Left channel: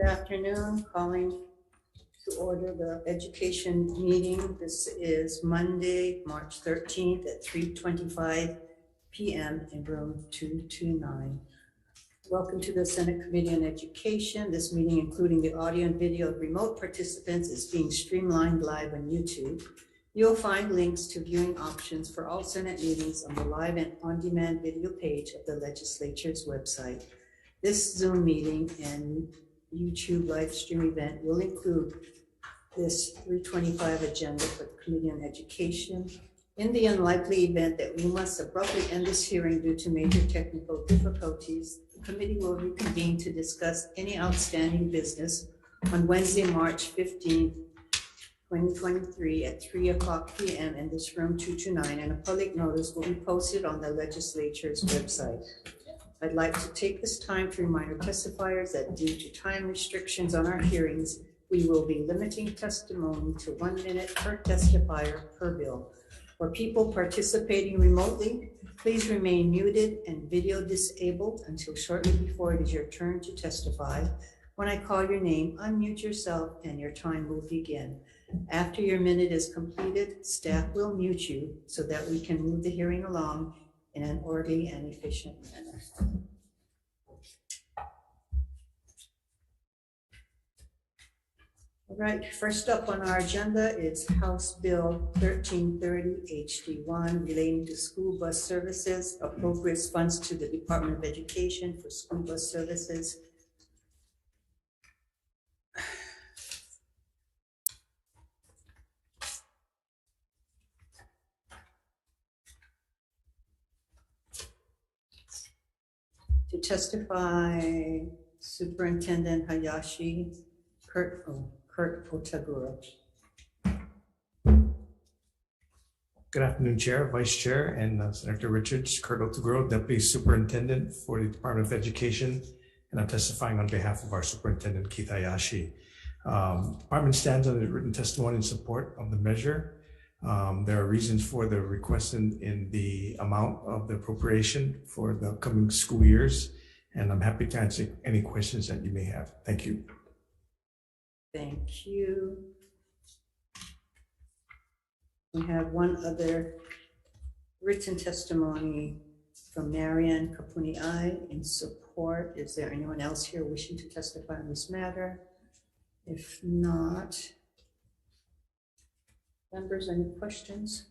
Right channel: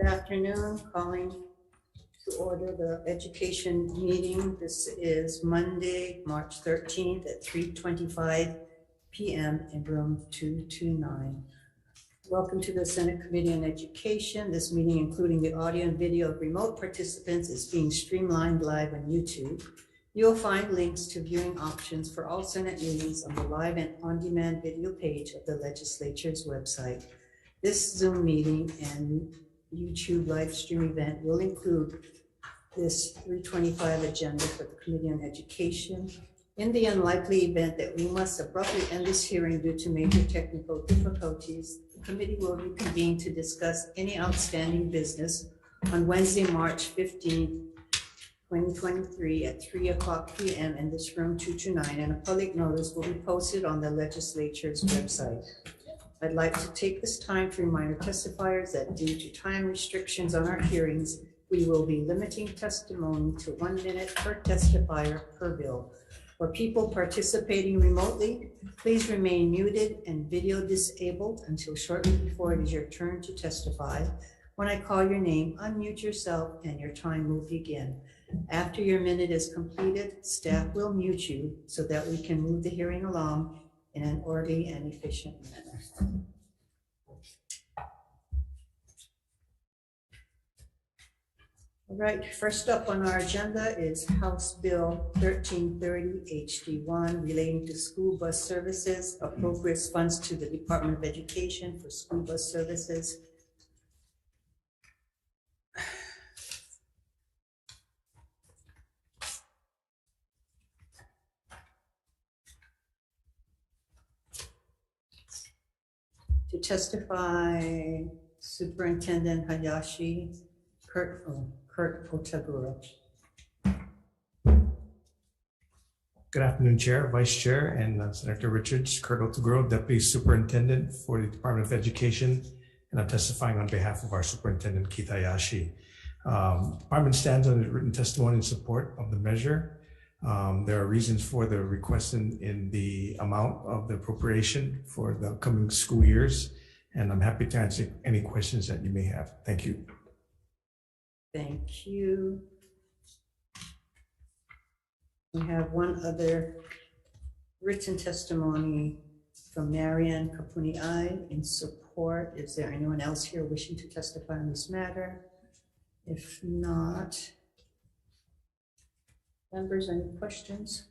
Good afternoon, calling to order the education meeting. This is Monday, March 13th at 3:25 p.m. in room 229. Welcome to the Senate Committee on Education. This meeting, including the audio and video of remote participants, is being streamlined live on YouTube. You'll find links to viewing options for all Senate meetings on the live and on-demand video page of the legislature's website. This Zoom meeting and YouTube live stream event will include this 325 agenda for the Committee on Education. In the unlikely event that we must abruptly end this hearing due to major technical difficulties, the committee will reconvene to discuss any outstanding business on Wednesday, March 15th, 2023 at 3:00 p.m. in this room 229, and a public notice will be posted on the legislature's website. I'd like to take this time to remind our testifiers that due to time restrictions on our hearings, we will be limiting testimony to 1 minute per testifier per bill. For people participating remotely, please remain muted and video disabled until shortly before it is your turn to testify. When I call your name, unmute yourself and your time will begin. After your minute is completed, staff will mute you so that we can move the hearing along in an orderly and efficient manner. All right, first up on our agenda is House Bill 1330 HD1 relating to school bus services, appropriates funds to the Department of Education for school bus services. To testify, Superintendent Hayashi, Kurt Otagura. Good afternoon, Chair, Vice Chair, and Senator Richards. Kurt Otagura, Deputy Superintendent for the Department of Education, and I'm testifying on behalf of our Superintendent, Keith Hayashi. Department stands on the written testimony in support of the measure. There are reasons for the request in the amount of the appropriation for the upcoming school years, and I'm happy to answer any questions that you may have. Thank you. Thank you. We have one other written testimony from Marianne Kapuni'ai in support. Is there anyone else here wishing to testify on this matter? If not, members, any questions?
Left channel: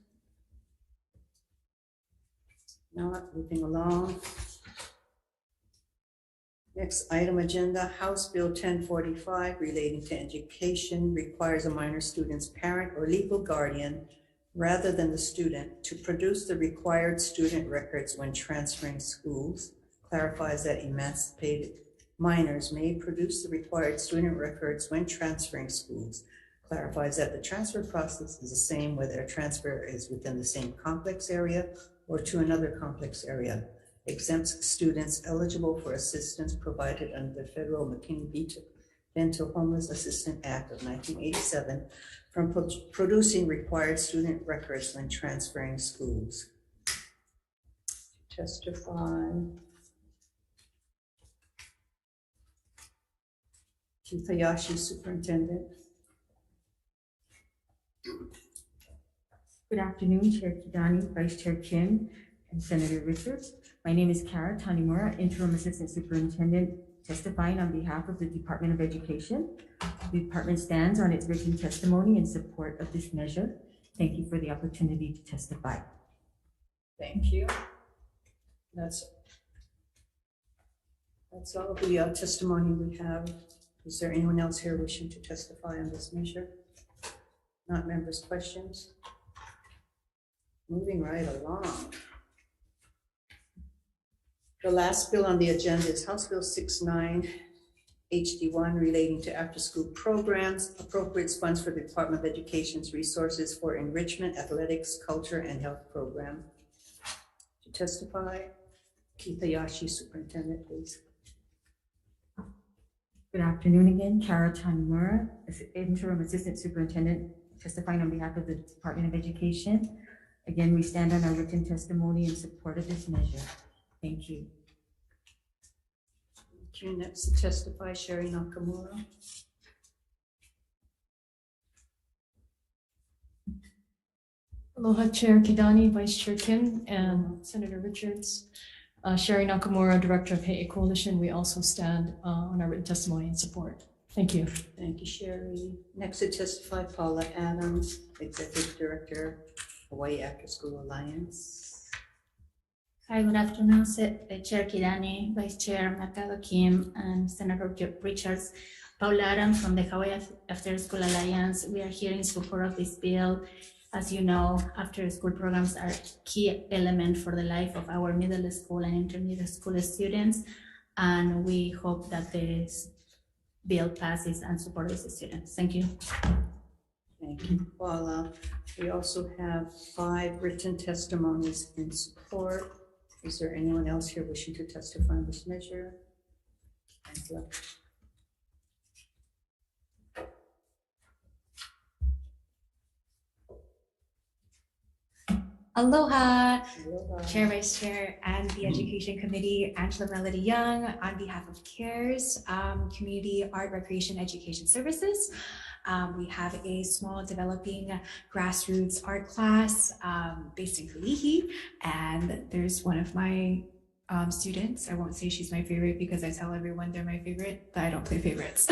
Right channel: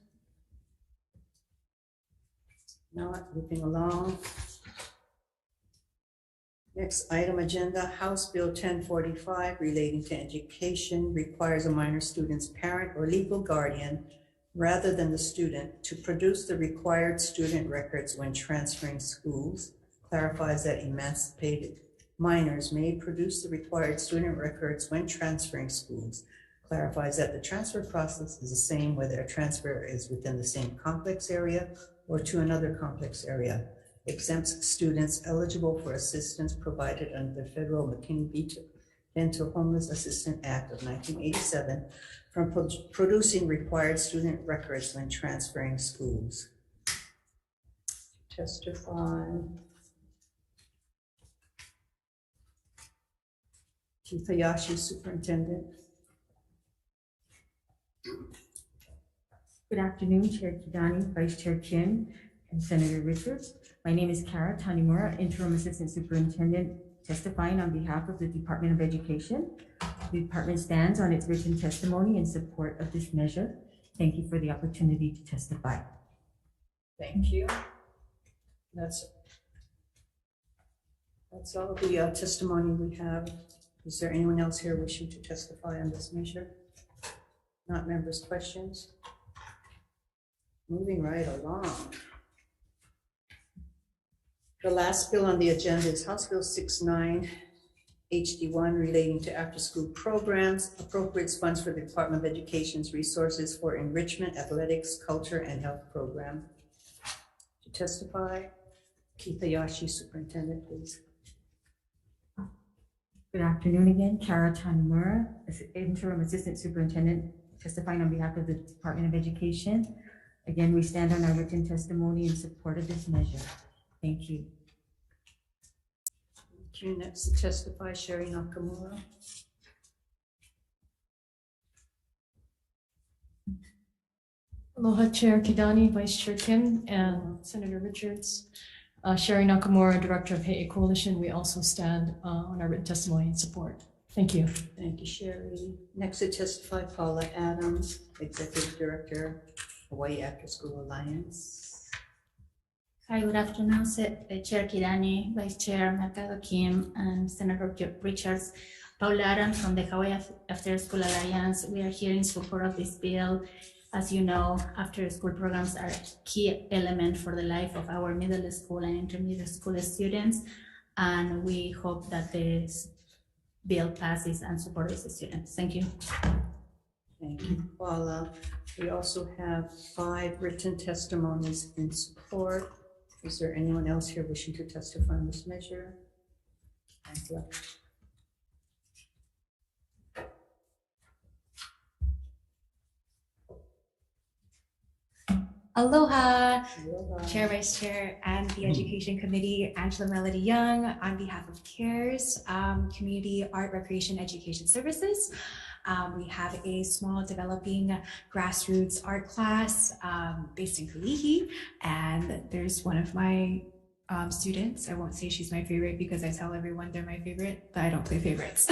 Not, moving along. Next item agenda, House Bill 1045 relating to education requires a minor student's parent or legal guardian rather than the student to produce the required student records when transferring schools, clarifies that emancipated minors may produce the required student records when transferring schools, clarifies that the transfer process is the same whether a transfer is within the same complex area or to another complex area, exempts students eligible for assistance provided under the Federal McKinney-Vento Homeless Assistance Act of 1987 from producing required student records when transferring schools. Testify. Chief Hayashi, Superintendent. Good afternoon, Chair Kidani, Vice Chair Kim, and Senator Richards. My name is Kara Tanimura, Interim Assistant Superintendent, testifying on behalf of the Department of Education. The department stands on its written testimony in support of this measure. Thank you for the opportunity to testify. Thank you. That's all of the testimony we have. Is there anyone else here wishing to testify on this measure? Not members' questions? Moving right along. The last bill on the agenda is House Bill 69 HD1 relating to after-school programs, appropriates funds for the Department of Education's resources for enrichment, athletics, culture, and health program. To testify, Keith Hayashi, Superintendent, please. Good afternoon again, Kara Tanimura, Interim Assistant Superintendent, testifying on behalf of the Department of Education. Again, we stand on our written testimony in support of this measure. Thank you. Thank you. Next to testify, Sherry Nakamura. Aloha Chair Kidani, Vice Chair Kim, and Senator Richards. Sherry Nakamura, Director of Hawai'i Coalition. We also stand on our written testimony in support. Thank you. Thank you, Sherry. Next to testify, Paula Adams, Executive Director, Hawaii After School Alliance. Hi, good afternoon, Chair Kidani, Vice Chair Mercado Kim, and Senator Richards. Paula Adams from the Hawaii After School Alliance. We are here in support of this bill. As you know, after school programs are a key element for the life of our middle school and intermediate school students. And we hope that this bill passes and supports the students. Thank you. Thank you, Paula. We also have 5 written testimonies in support. Is there anyone else here wishing to testify on this measure? Angela. Aloha, Aloha. Chair, Vice Chair, and the Education Committee, Angela Melody Young, on behalf of CARES, Community Art, Recreation, Education Services. We have a small developing grassroots art class based in Kalihi, and there's one of my students. I won't say she's my favorite because I tell everyone they're my favorite, but I don't play favorites.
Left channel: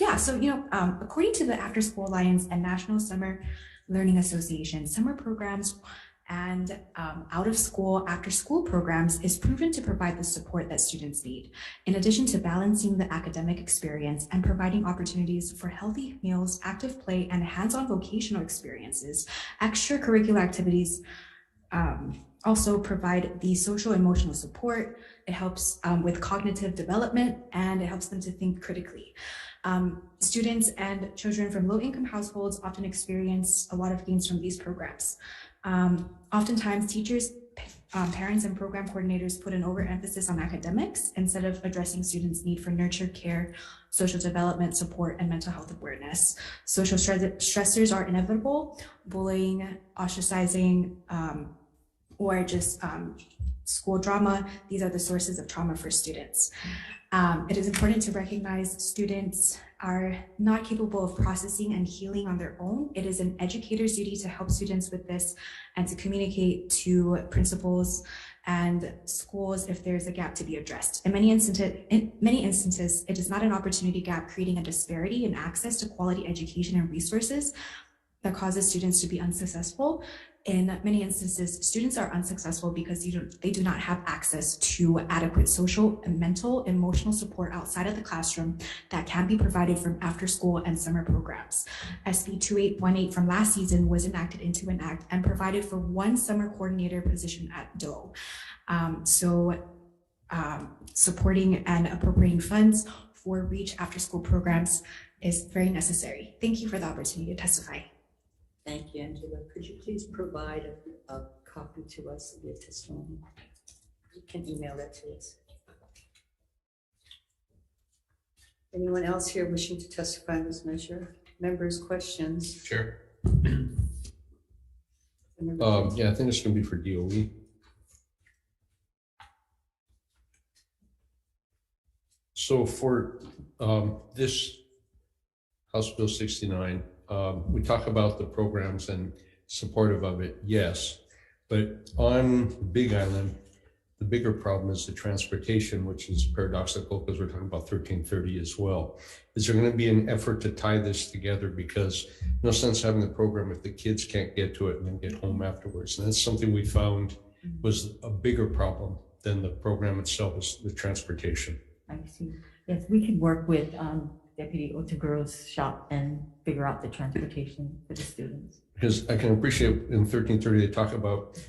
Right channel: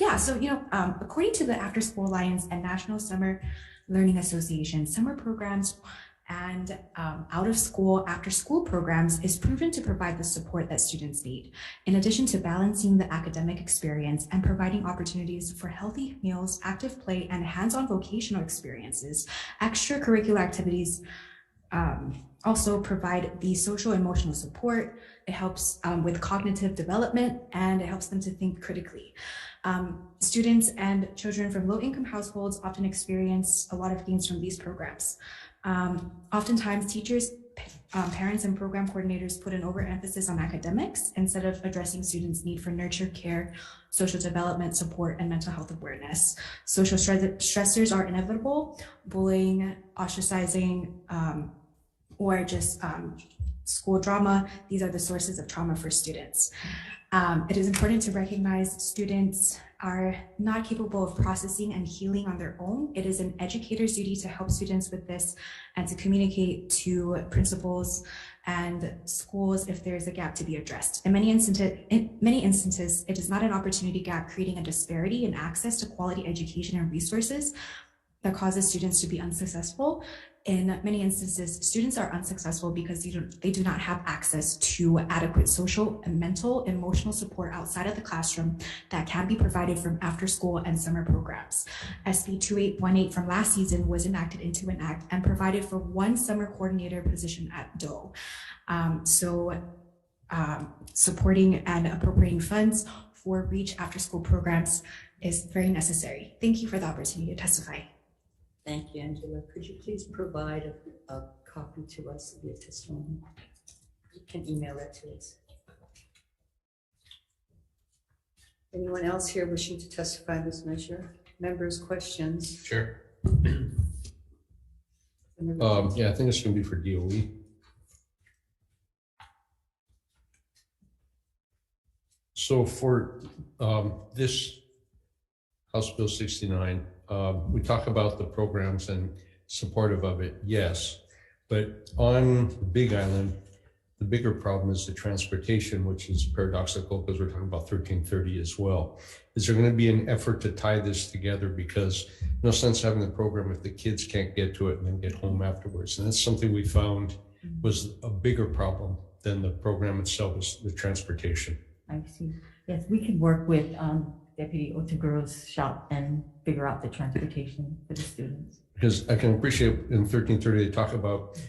Yeah, so, according to the After School Alliance and National Summer Learning Association, summer programs and out of school, after school programs is proven to provide the support that students need. In addition to balancing the academic experience and providing opportunities for healthy meals, active play, and hands-on vocational experiences, extracurricular activities also provide the social emotional support. It helps with cognitive development, and it helps them to think critically. Students and children from low-income households often experience a lot of gains from these programs. Oftentimes, teachers, parents, and program coordinators put an overemphasis on academics instead of addressing students' need for nurture, care, social development, support, and mental health awareness. Social stressors are inevitable. Bullying, ostracizing, or just school drama, these are the sources of trauma for students. It is important to recognize students are not capable of processing and healing on their own. It is an educator's duty to help students with this and to communicate to principals and schools if there's a gap to be addressed. In many instances, it is not an opportunity gap, creating a disparity in access to quality education and resources that causes students to be unsuccessful. In many instances, students are unsuccessful because they do not have access to adequate social and mental, emotional support outside of the classroom that can be provided from after school and summer programs. SB 2818 from last season was enacted into an act and provided for 1 summer coordinator position at DOE. Supporting and appropriating funds for REACH after school programs is very necessary. Thank you for the opportunity to testify. Thank you, Angela. Could you please provide a copy to us of your testimony? You can email that to us. Anyone else here wishing to testify on this measure? Members, questions? Chair. Yeah, I think it's going to be for DOE. So for this House Bill 69, we talk about the programs and supportive of it, yes. But on Big Island, the bigger problem is the transportation, which is paradoxical because we're talking about 1330 as well. Is there going to be an effort to tie this together? Because no sense having the program if the kids can't get to it and then get home afterwards. And that's something we found was a bigger problem than the program itself, is the transportation. I see. Yes, we can work with Deputy Otaguro's shop and figure out the transportation for the students. Because I can appreciate in 1330, they talk about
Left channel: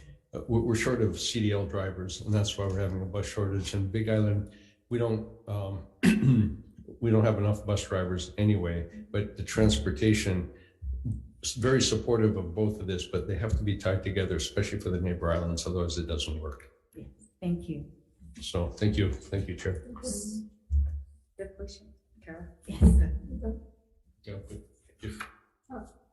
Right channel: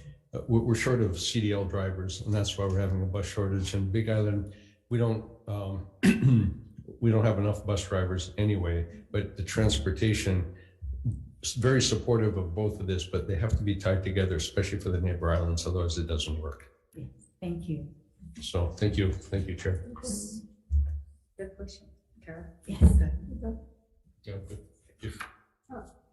we're short of CDL drivers, and that's why we're having a bus shortage. And Big Island, we don't we don't have enough bus drivers anyway, but the transportation is very supportive of both of this, but they have to be tied together, especially for the neighbor islands, otherwise it doesn't work. Yes, thank you. So thank you, Chair. Good question, Kara. Yes. Yeah, good. Thank you.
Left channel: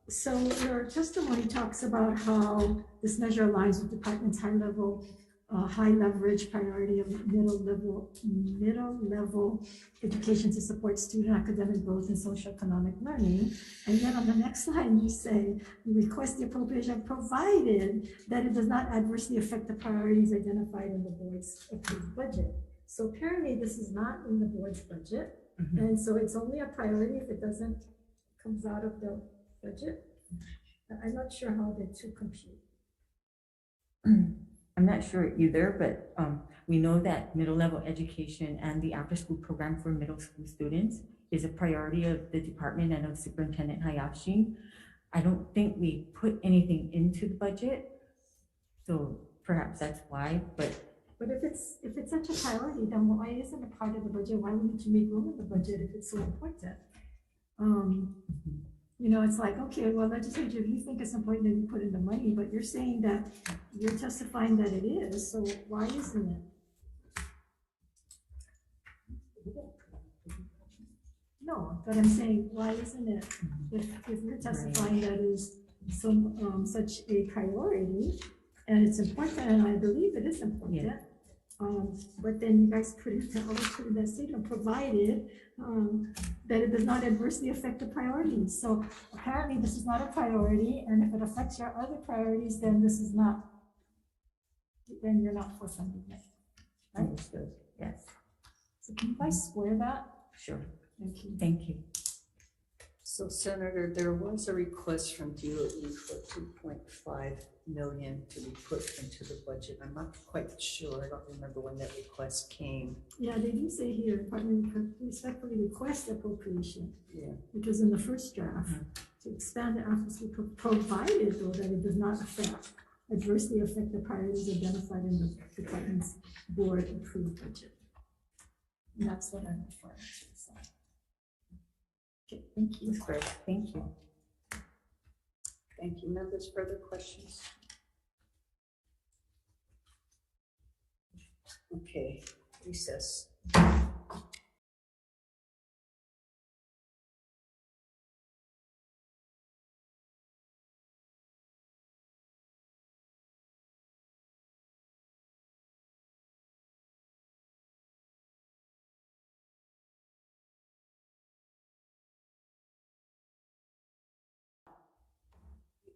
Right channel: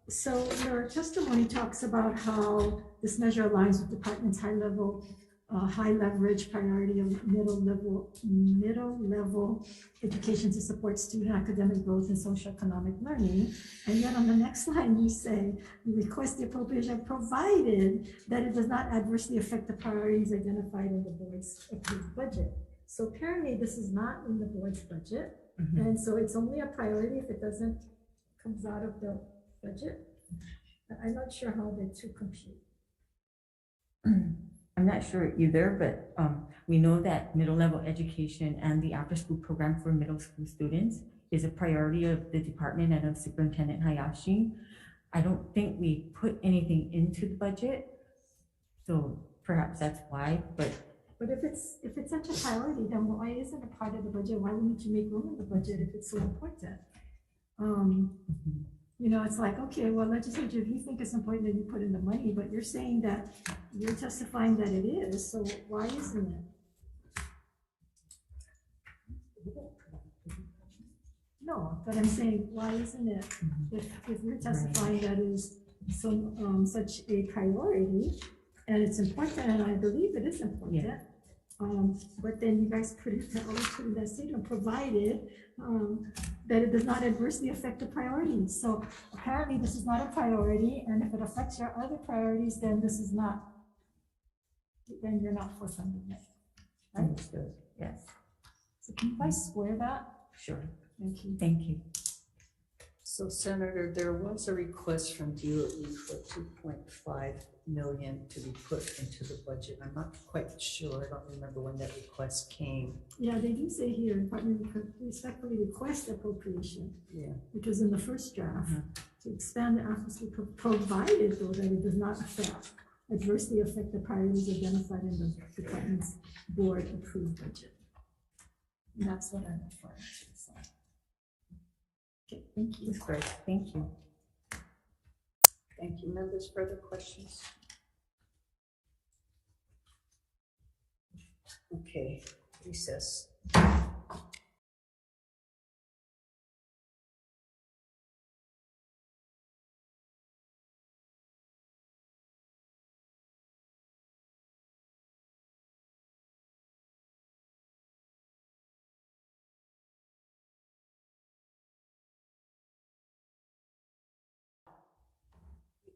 So your testimony talks about how this measure aligns with department's high-level high leverage priority of middle level education to support student academic growth and socioeconomic learning. And yet on the next line, you say, you request the appropriation provided that it does not adversely affect the priorities identified in the board's approved budget. So apparently this is not in the board's budget. And so it's only a priority if it doesn't comes out of the budget. I'm not sure how the two compute. I'm not sure either, but we know that middle level education and the after school program for middle school students is a priority of the department and of Superintendent Hayashi. I don't think we put anything into the budget, so perhaps that's why, but if it's such a priority, then why isn't it part of the budget? Why wouldn't you make room in the budget if it's so important? You know, it's like, okay, well, legislature, if you think it's important, then you put in the money, but you're saying that you're testifying that it is, so why isn't it? No, but I'm saying, why isn't it? If you're testifying that is such a priority, and it's important, and I believe it is important, but then you guys put it in that statement, provided that it does not adversely affect the priorities. So apparently this is not a priority, and if it affects your other priorities, then this is not, then you're not for funding it. Right? understood. Yes, So can you guys square that? sure. Thank you. Thank you. So Senator, there was a request from DOE for 2.5 million to be put into the budget. I'm not quite sure. I don't remember when that request came. Yeah, they do say here, Department respectfully request appropriation. Yeah. Which was in the first draft, to expand the after school provided though that it does not adversely affect the priorities identified in the department's board approved budget. And that's what I'm referring to. So. Okay, thank you. That's great. Thank you. Thank you. Members, further questions? Okay, recess.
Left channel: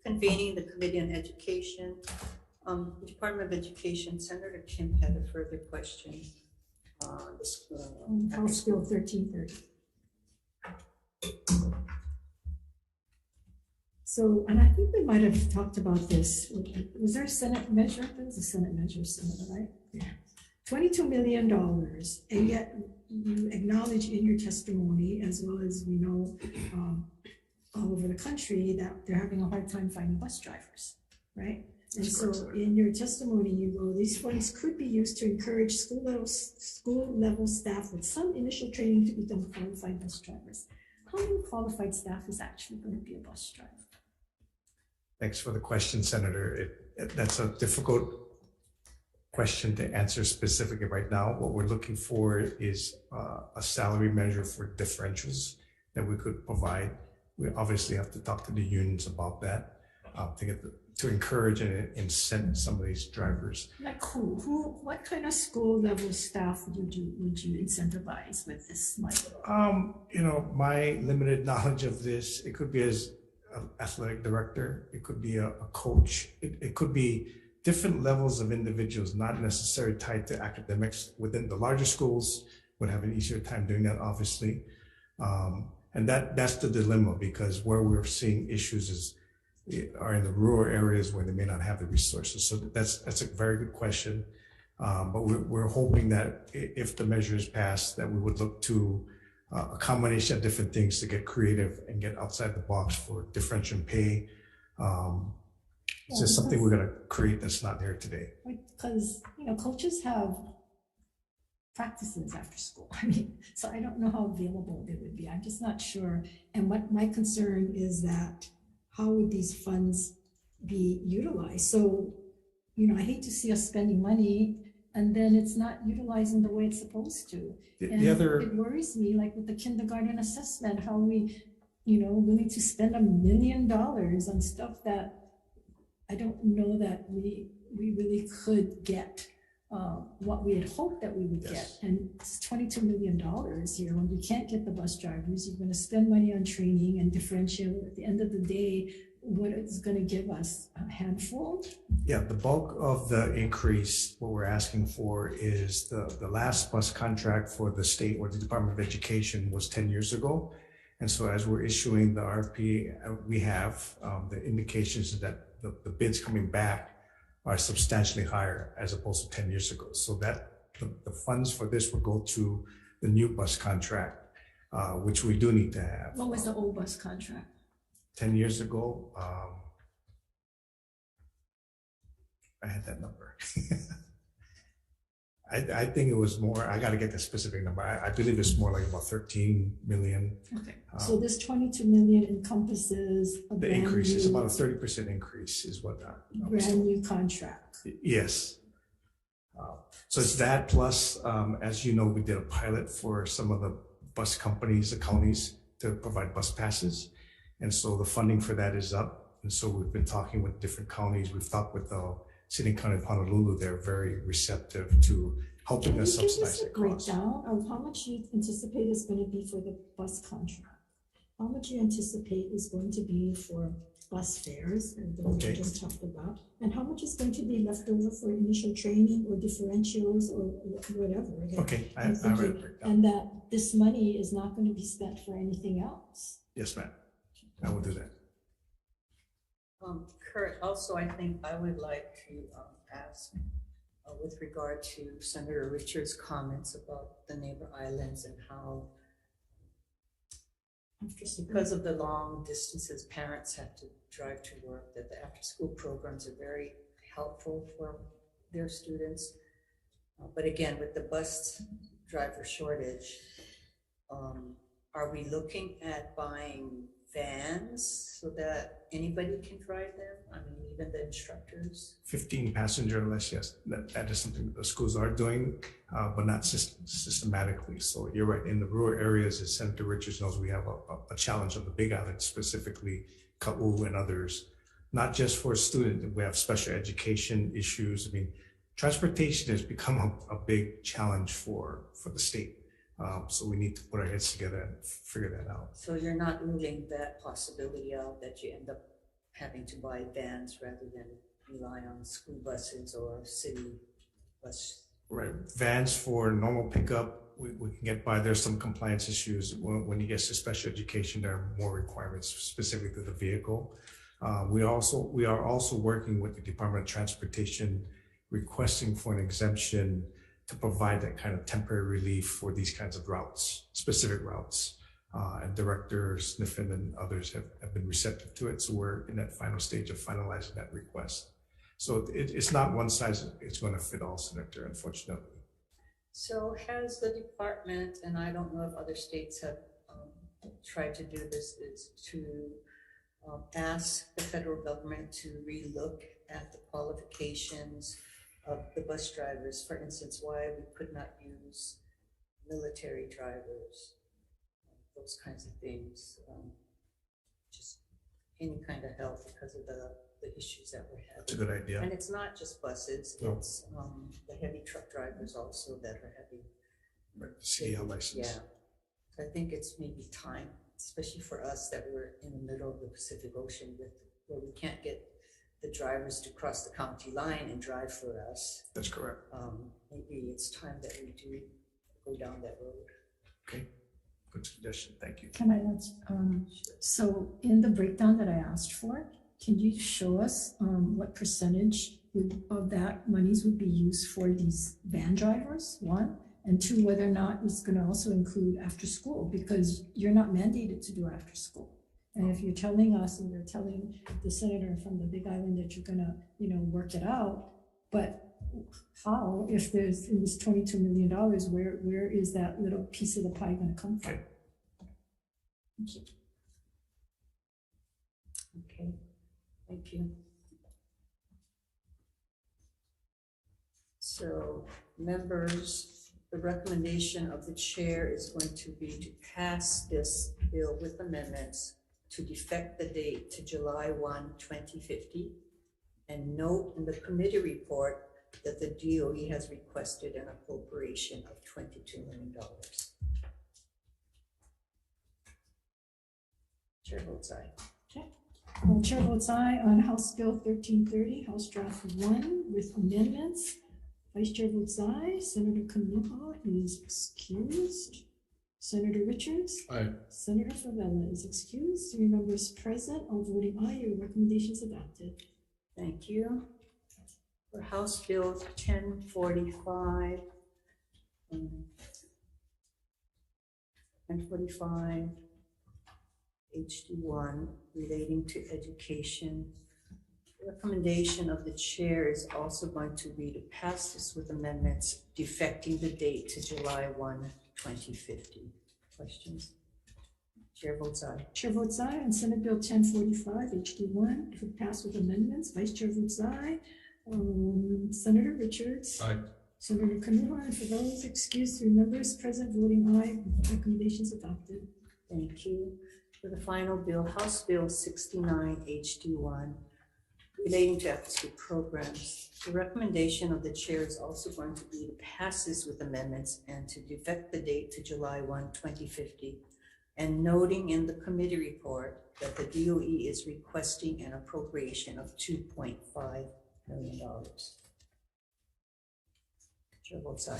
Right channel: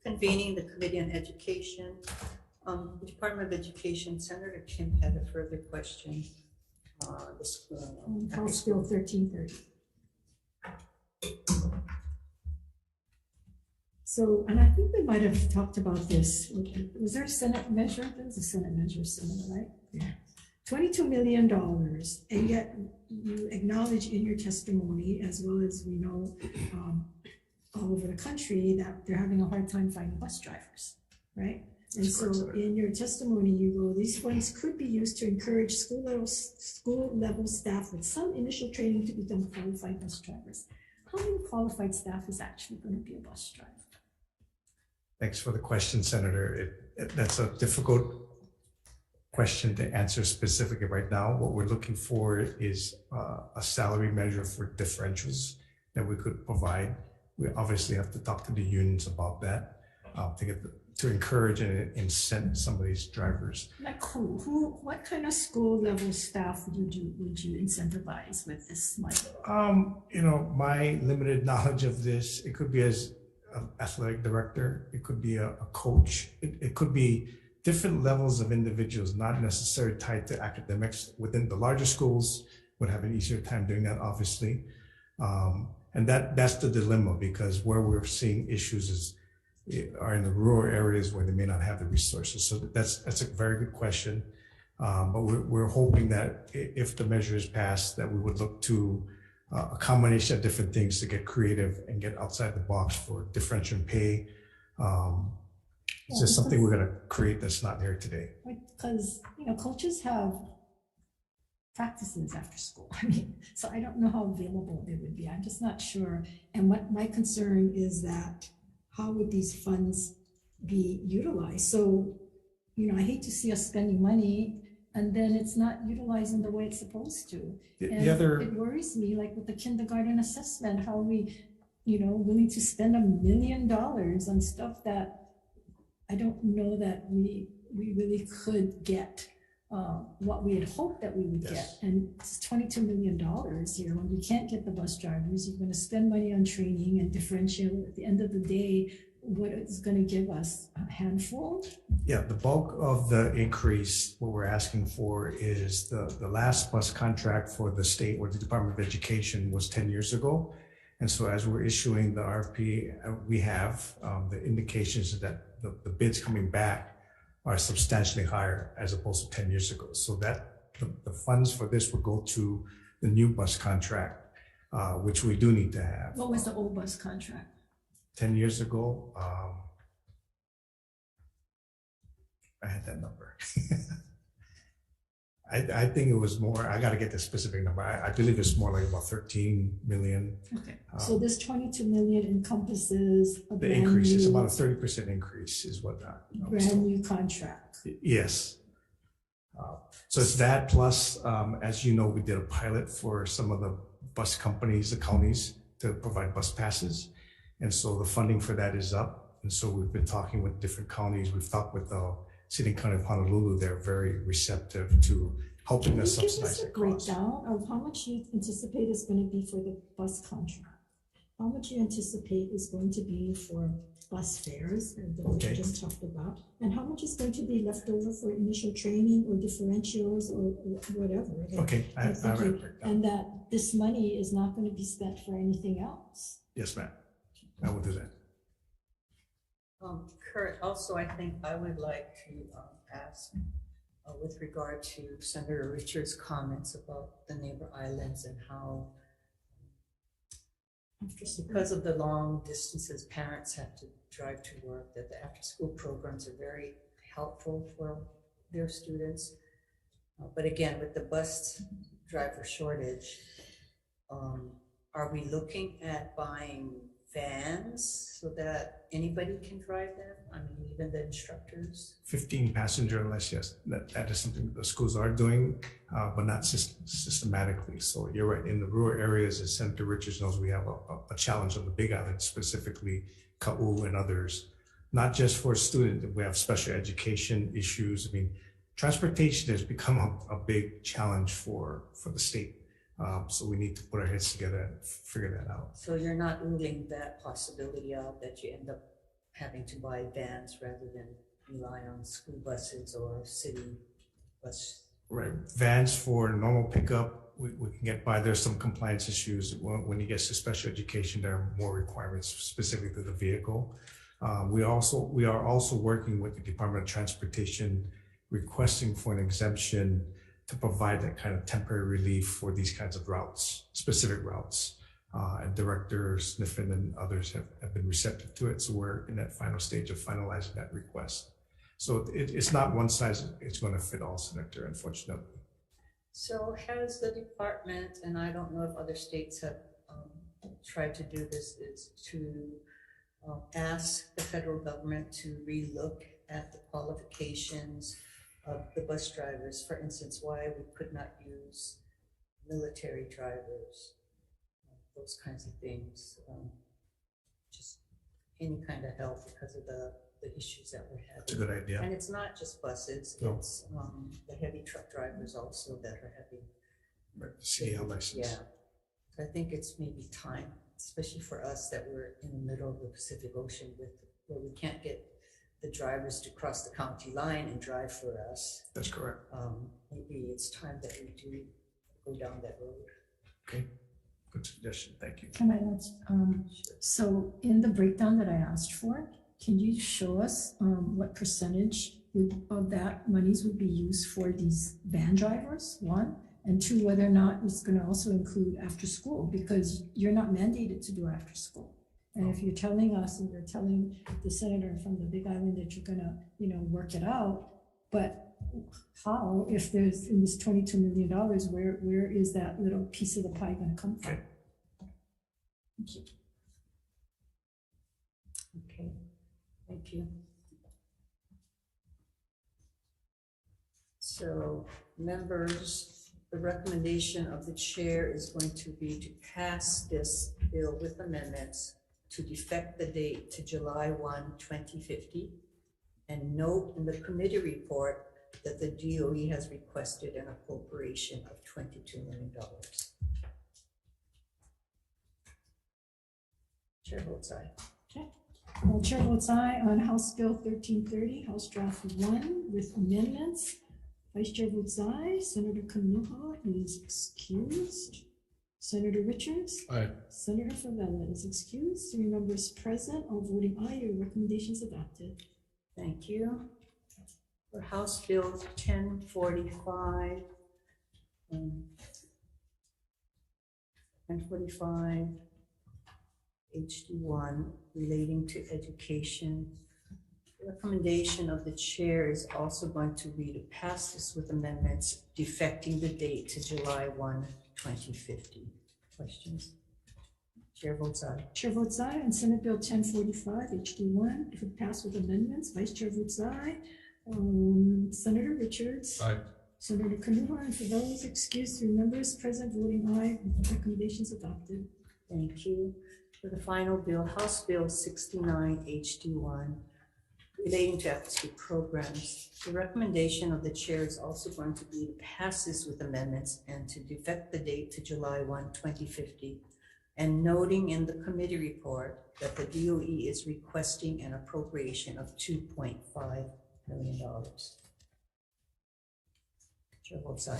Convening the Committee on Education. The Department of Education, Senator Kim had a further question. House Bill 1330. So, and I think we might have talked about this. Was there a Senate measure? There was a Senate measure, Senator, right? Yeah. $22 million, and yet you acknowledge in your testimony, as well as we know all over the country, that they're having a hard time finding bus drivers, right? And so in your testimony, you go, these funds could be used to encourage school level staff with some initial training to become qualified bus drivers. How many qualified staff is actually going to be a bus driver? Thanks for the question, Senator. That's a difficult question to answer specifically right now. What we're looking for is a salary measure for differentials that we could provide. We obviously have to talk to the unions about that to encourage and incent some of these drivers. Like who, what kind of school level staff would you incentivize with this money? You know, my limited knowledge of this, it could be as an athletic director, it could be a coach, it could be different levels of individuals, not necessarily tied to academics. Within the larger schools would have an easier time doing that, obviously. And that's the dilemma, because where we're seeing issues are in the rural areas where they may not have the resources. So that's a very good question. But we're hoping that if the measure is passed, that we would look to a combination of different things to get creative and get outside the box for differential pay. It's just something we're going to create that's not there today. Because, you know, coaches have practices after school. I mean, so I don't know how available they would be. I'm just not sure. And what my concern is that how would these funds be utilized? So, you know, I hate to see us spending money and then it's not utilized in the way it's supposed to. And it worries me, like with the kindergarten assessment, how we, you know, willing to spend $1 million on stuff that I don't know that we really could get what we had hoped that we would get. Yes. And it's $22 million here. When we can't get the bus drivers, you're going to spend money on training and differential. At the end of the day, what it's going to give us, a handful? Yeah, the bulk of the increase, what we're asking for is the last bus contract for the state or the Department of Education was 10 years ago. And so as we're issuing the RFP, we have the indications that the bids coming back are substantially higher as opposed to 10 years ago. So that the funds for this will go to the new bus contract, which we do need to have. What was the old bus contract? 10 years ago, I had that number. I think it was more, I got to get the specific number. I believe it's more like about 13 million. Okay, so this 22 million encompasses a The brand increase is new, about a 30% increase is what that. brand new contract. Yes. So it's that plus, as you know, we did a pilot for some of the bus companies, the counties, to provide bus passes. And so the funding for that is up. And so we've been talking with different counties. We've talked with the City and County of Honolulu. They're very receptive to helping us Can you give subsidize us a the cost. breakdown of how much you anticipate is going to be for the bus contract? How much you anticipate is going to be for bus fares that we Okay. just talked about? And how much is going to be left over for initial training or differentials or whatever? Okay, I I'm have a thinking- breakdown. And that this money is not going to be spent for anything else. Yes, ma'am. I will do that. Kurt, also, I think I would like to ask with regard to Senator Richards' comments about the neighbor islands and how because of the long distances parents have to drive to work, that the after-school programs are very helpful for their students. But again, with the bus driver shortage, are we looking at buying vans so that anybody can drive them? I mean, even the instructors? 15 passenger unless, yes, that is something the schools are doing, but not systematically. So you're right, in the rural areas, as Senator Richards knows, we have a challenge on the Big Island, specifically Ka'u and others, not just for students. We have special education issues. I mean, transportation has become a big challenge for the state. So we need to put our heads together and figure that out. So you're not ruling that possibility out, that you end up having to buy vans rather than rely on school buses or city bus? Right, vans for normal pickup, we can get by. There's some compliance issues. When you get to special education, there are more requirements specific to the vehicle. We are also working with the Department of Transportation, requesting for an exemption to provide that kind of temporary relief for these kinds of routes, specific routes. And Director Sniffen and others have been receptive to it. So we're in that final stage of finalizing that request. So it's not one size, it's going to fit all, Senator, unfortunately. So has the department, and I don't know if other states have tried to do this, is to ask the federal government to relook at the qualifications of the bus drivers, for instance, why we could not use military drivers, those kinds of things, just any kind of help because of the issues that we're having. That's a good idea. And it's not just buses, No. it's the heavy truck drivers also that are having. Right, CDL license. Yeah, I think it's maybe time, especially for us that we're in the middle of the Pacific Ocean where we can't get the drivers to cross the county line and drive for us. That's correct. Maybe it's time that we do go down that road. Okay, good suggestion. Thank you. Can I ask, so in the breakdown that I asked for, can you show us what percentage of that monies would be used for these van drivers, one? And two, whether or not it's going to also include after school, because you're not mandated to do after school. And if you're telling us and you're telling the senator from the Big Island that you're gonna, work it out, but how, if there's in this $22 million, where is that little piece of the pie gonna come from? Okay. Thank you. Okay, thank you. So, members, the recommendation of the chair is going to be to pass this bill with amendments to defect the date to July 1, 2050, and note in the committee report that the DOE has requested an appropriation of $22 million. Chair votes aye. Chair votes aye on House Bill 1330, House Draft 1 with amendments. Vice Chair votes aye. Senator Kanuha is excused. Senator Richards. Aye. Senator Favela is excused. 3 members present, all voting aye. Your recommendation is adopted. Thank you. For House Bill 1045, 1045 HD1 relating to education. The recommendation of the chair is also going to be to pass this with amendments defecting the date to July 1, 2050. Questions? Chair votes aye. Chair votes aye on Senate Bill 1045 HD1. If it passed with amendments, Vice Chair votes aye. Senator Richards. Aye. Senator Kanuha and Favela is excused. 3 members present voting aye. Recommendations adopted. Thank you. For the final bill, House Bill 69 HD1 relating to after-school programs. The recommendation of the chair is also going to be to pass this with amendments and to defect the date to July 1, 2050, and noting in the committee report that the DOE is requesting an appropriation of $2.5 million. Chair votes aye.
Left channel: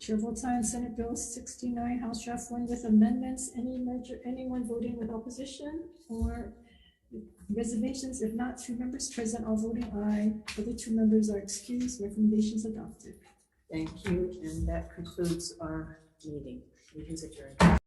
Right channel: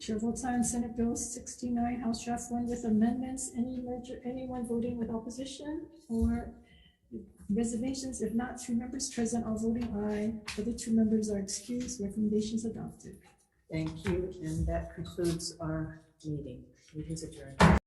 Chair votes aye on Senate Bill 69, House Draft 1 with amendments. Anyone voting with opposition or reservations? If not, 3 members present are voting aye. Other 2 members are excused. Recommendations adopted. Thank you, and that concludes our meeting. Meeting is adjourned.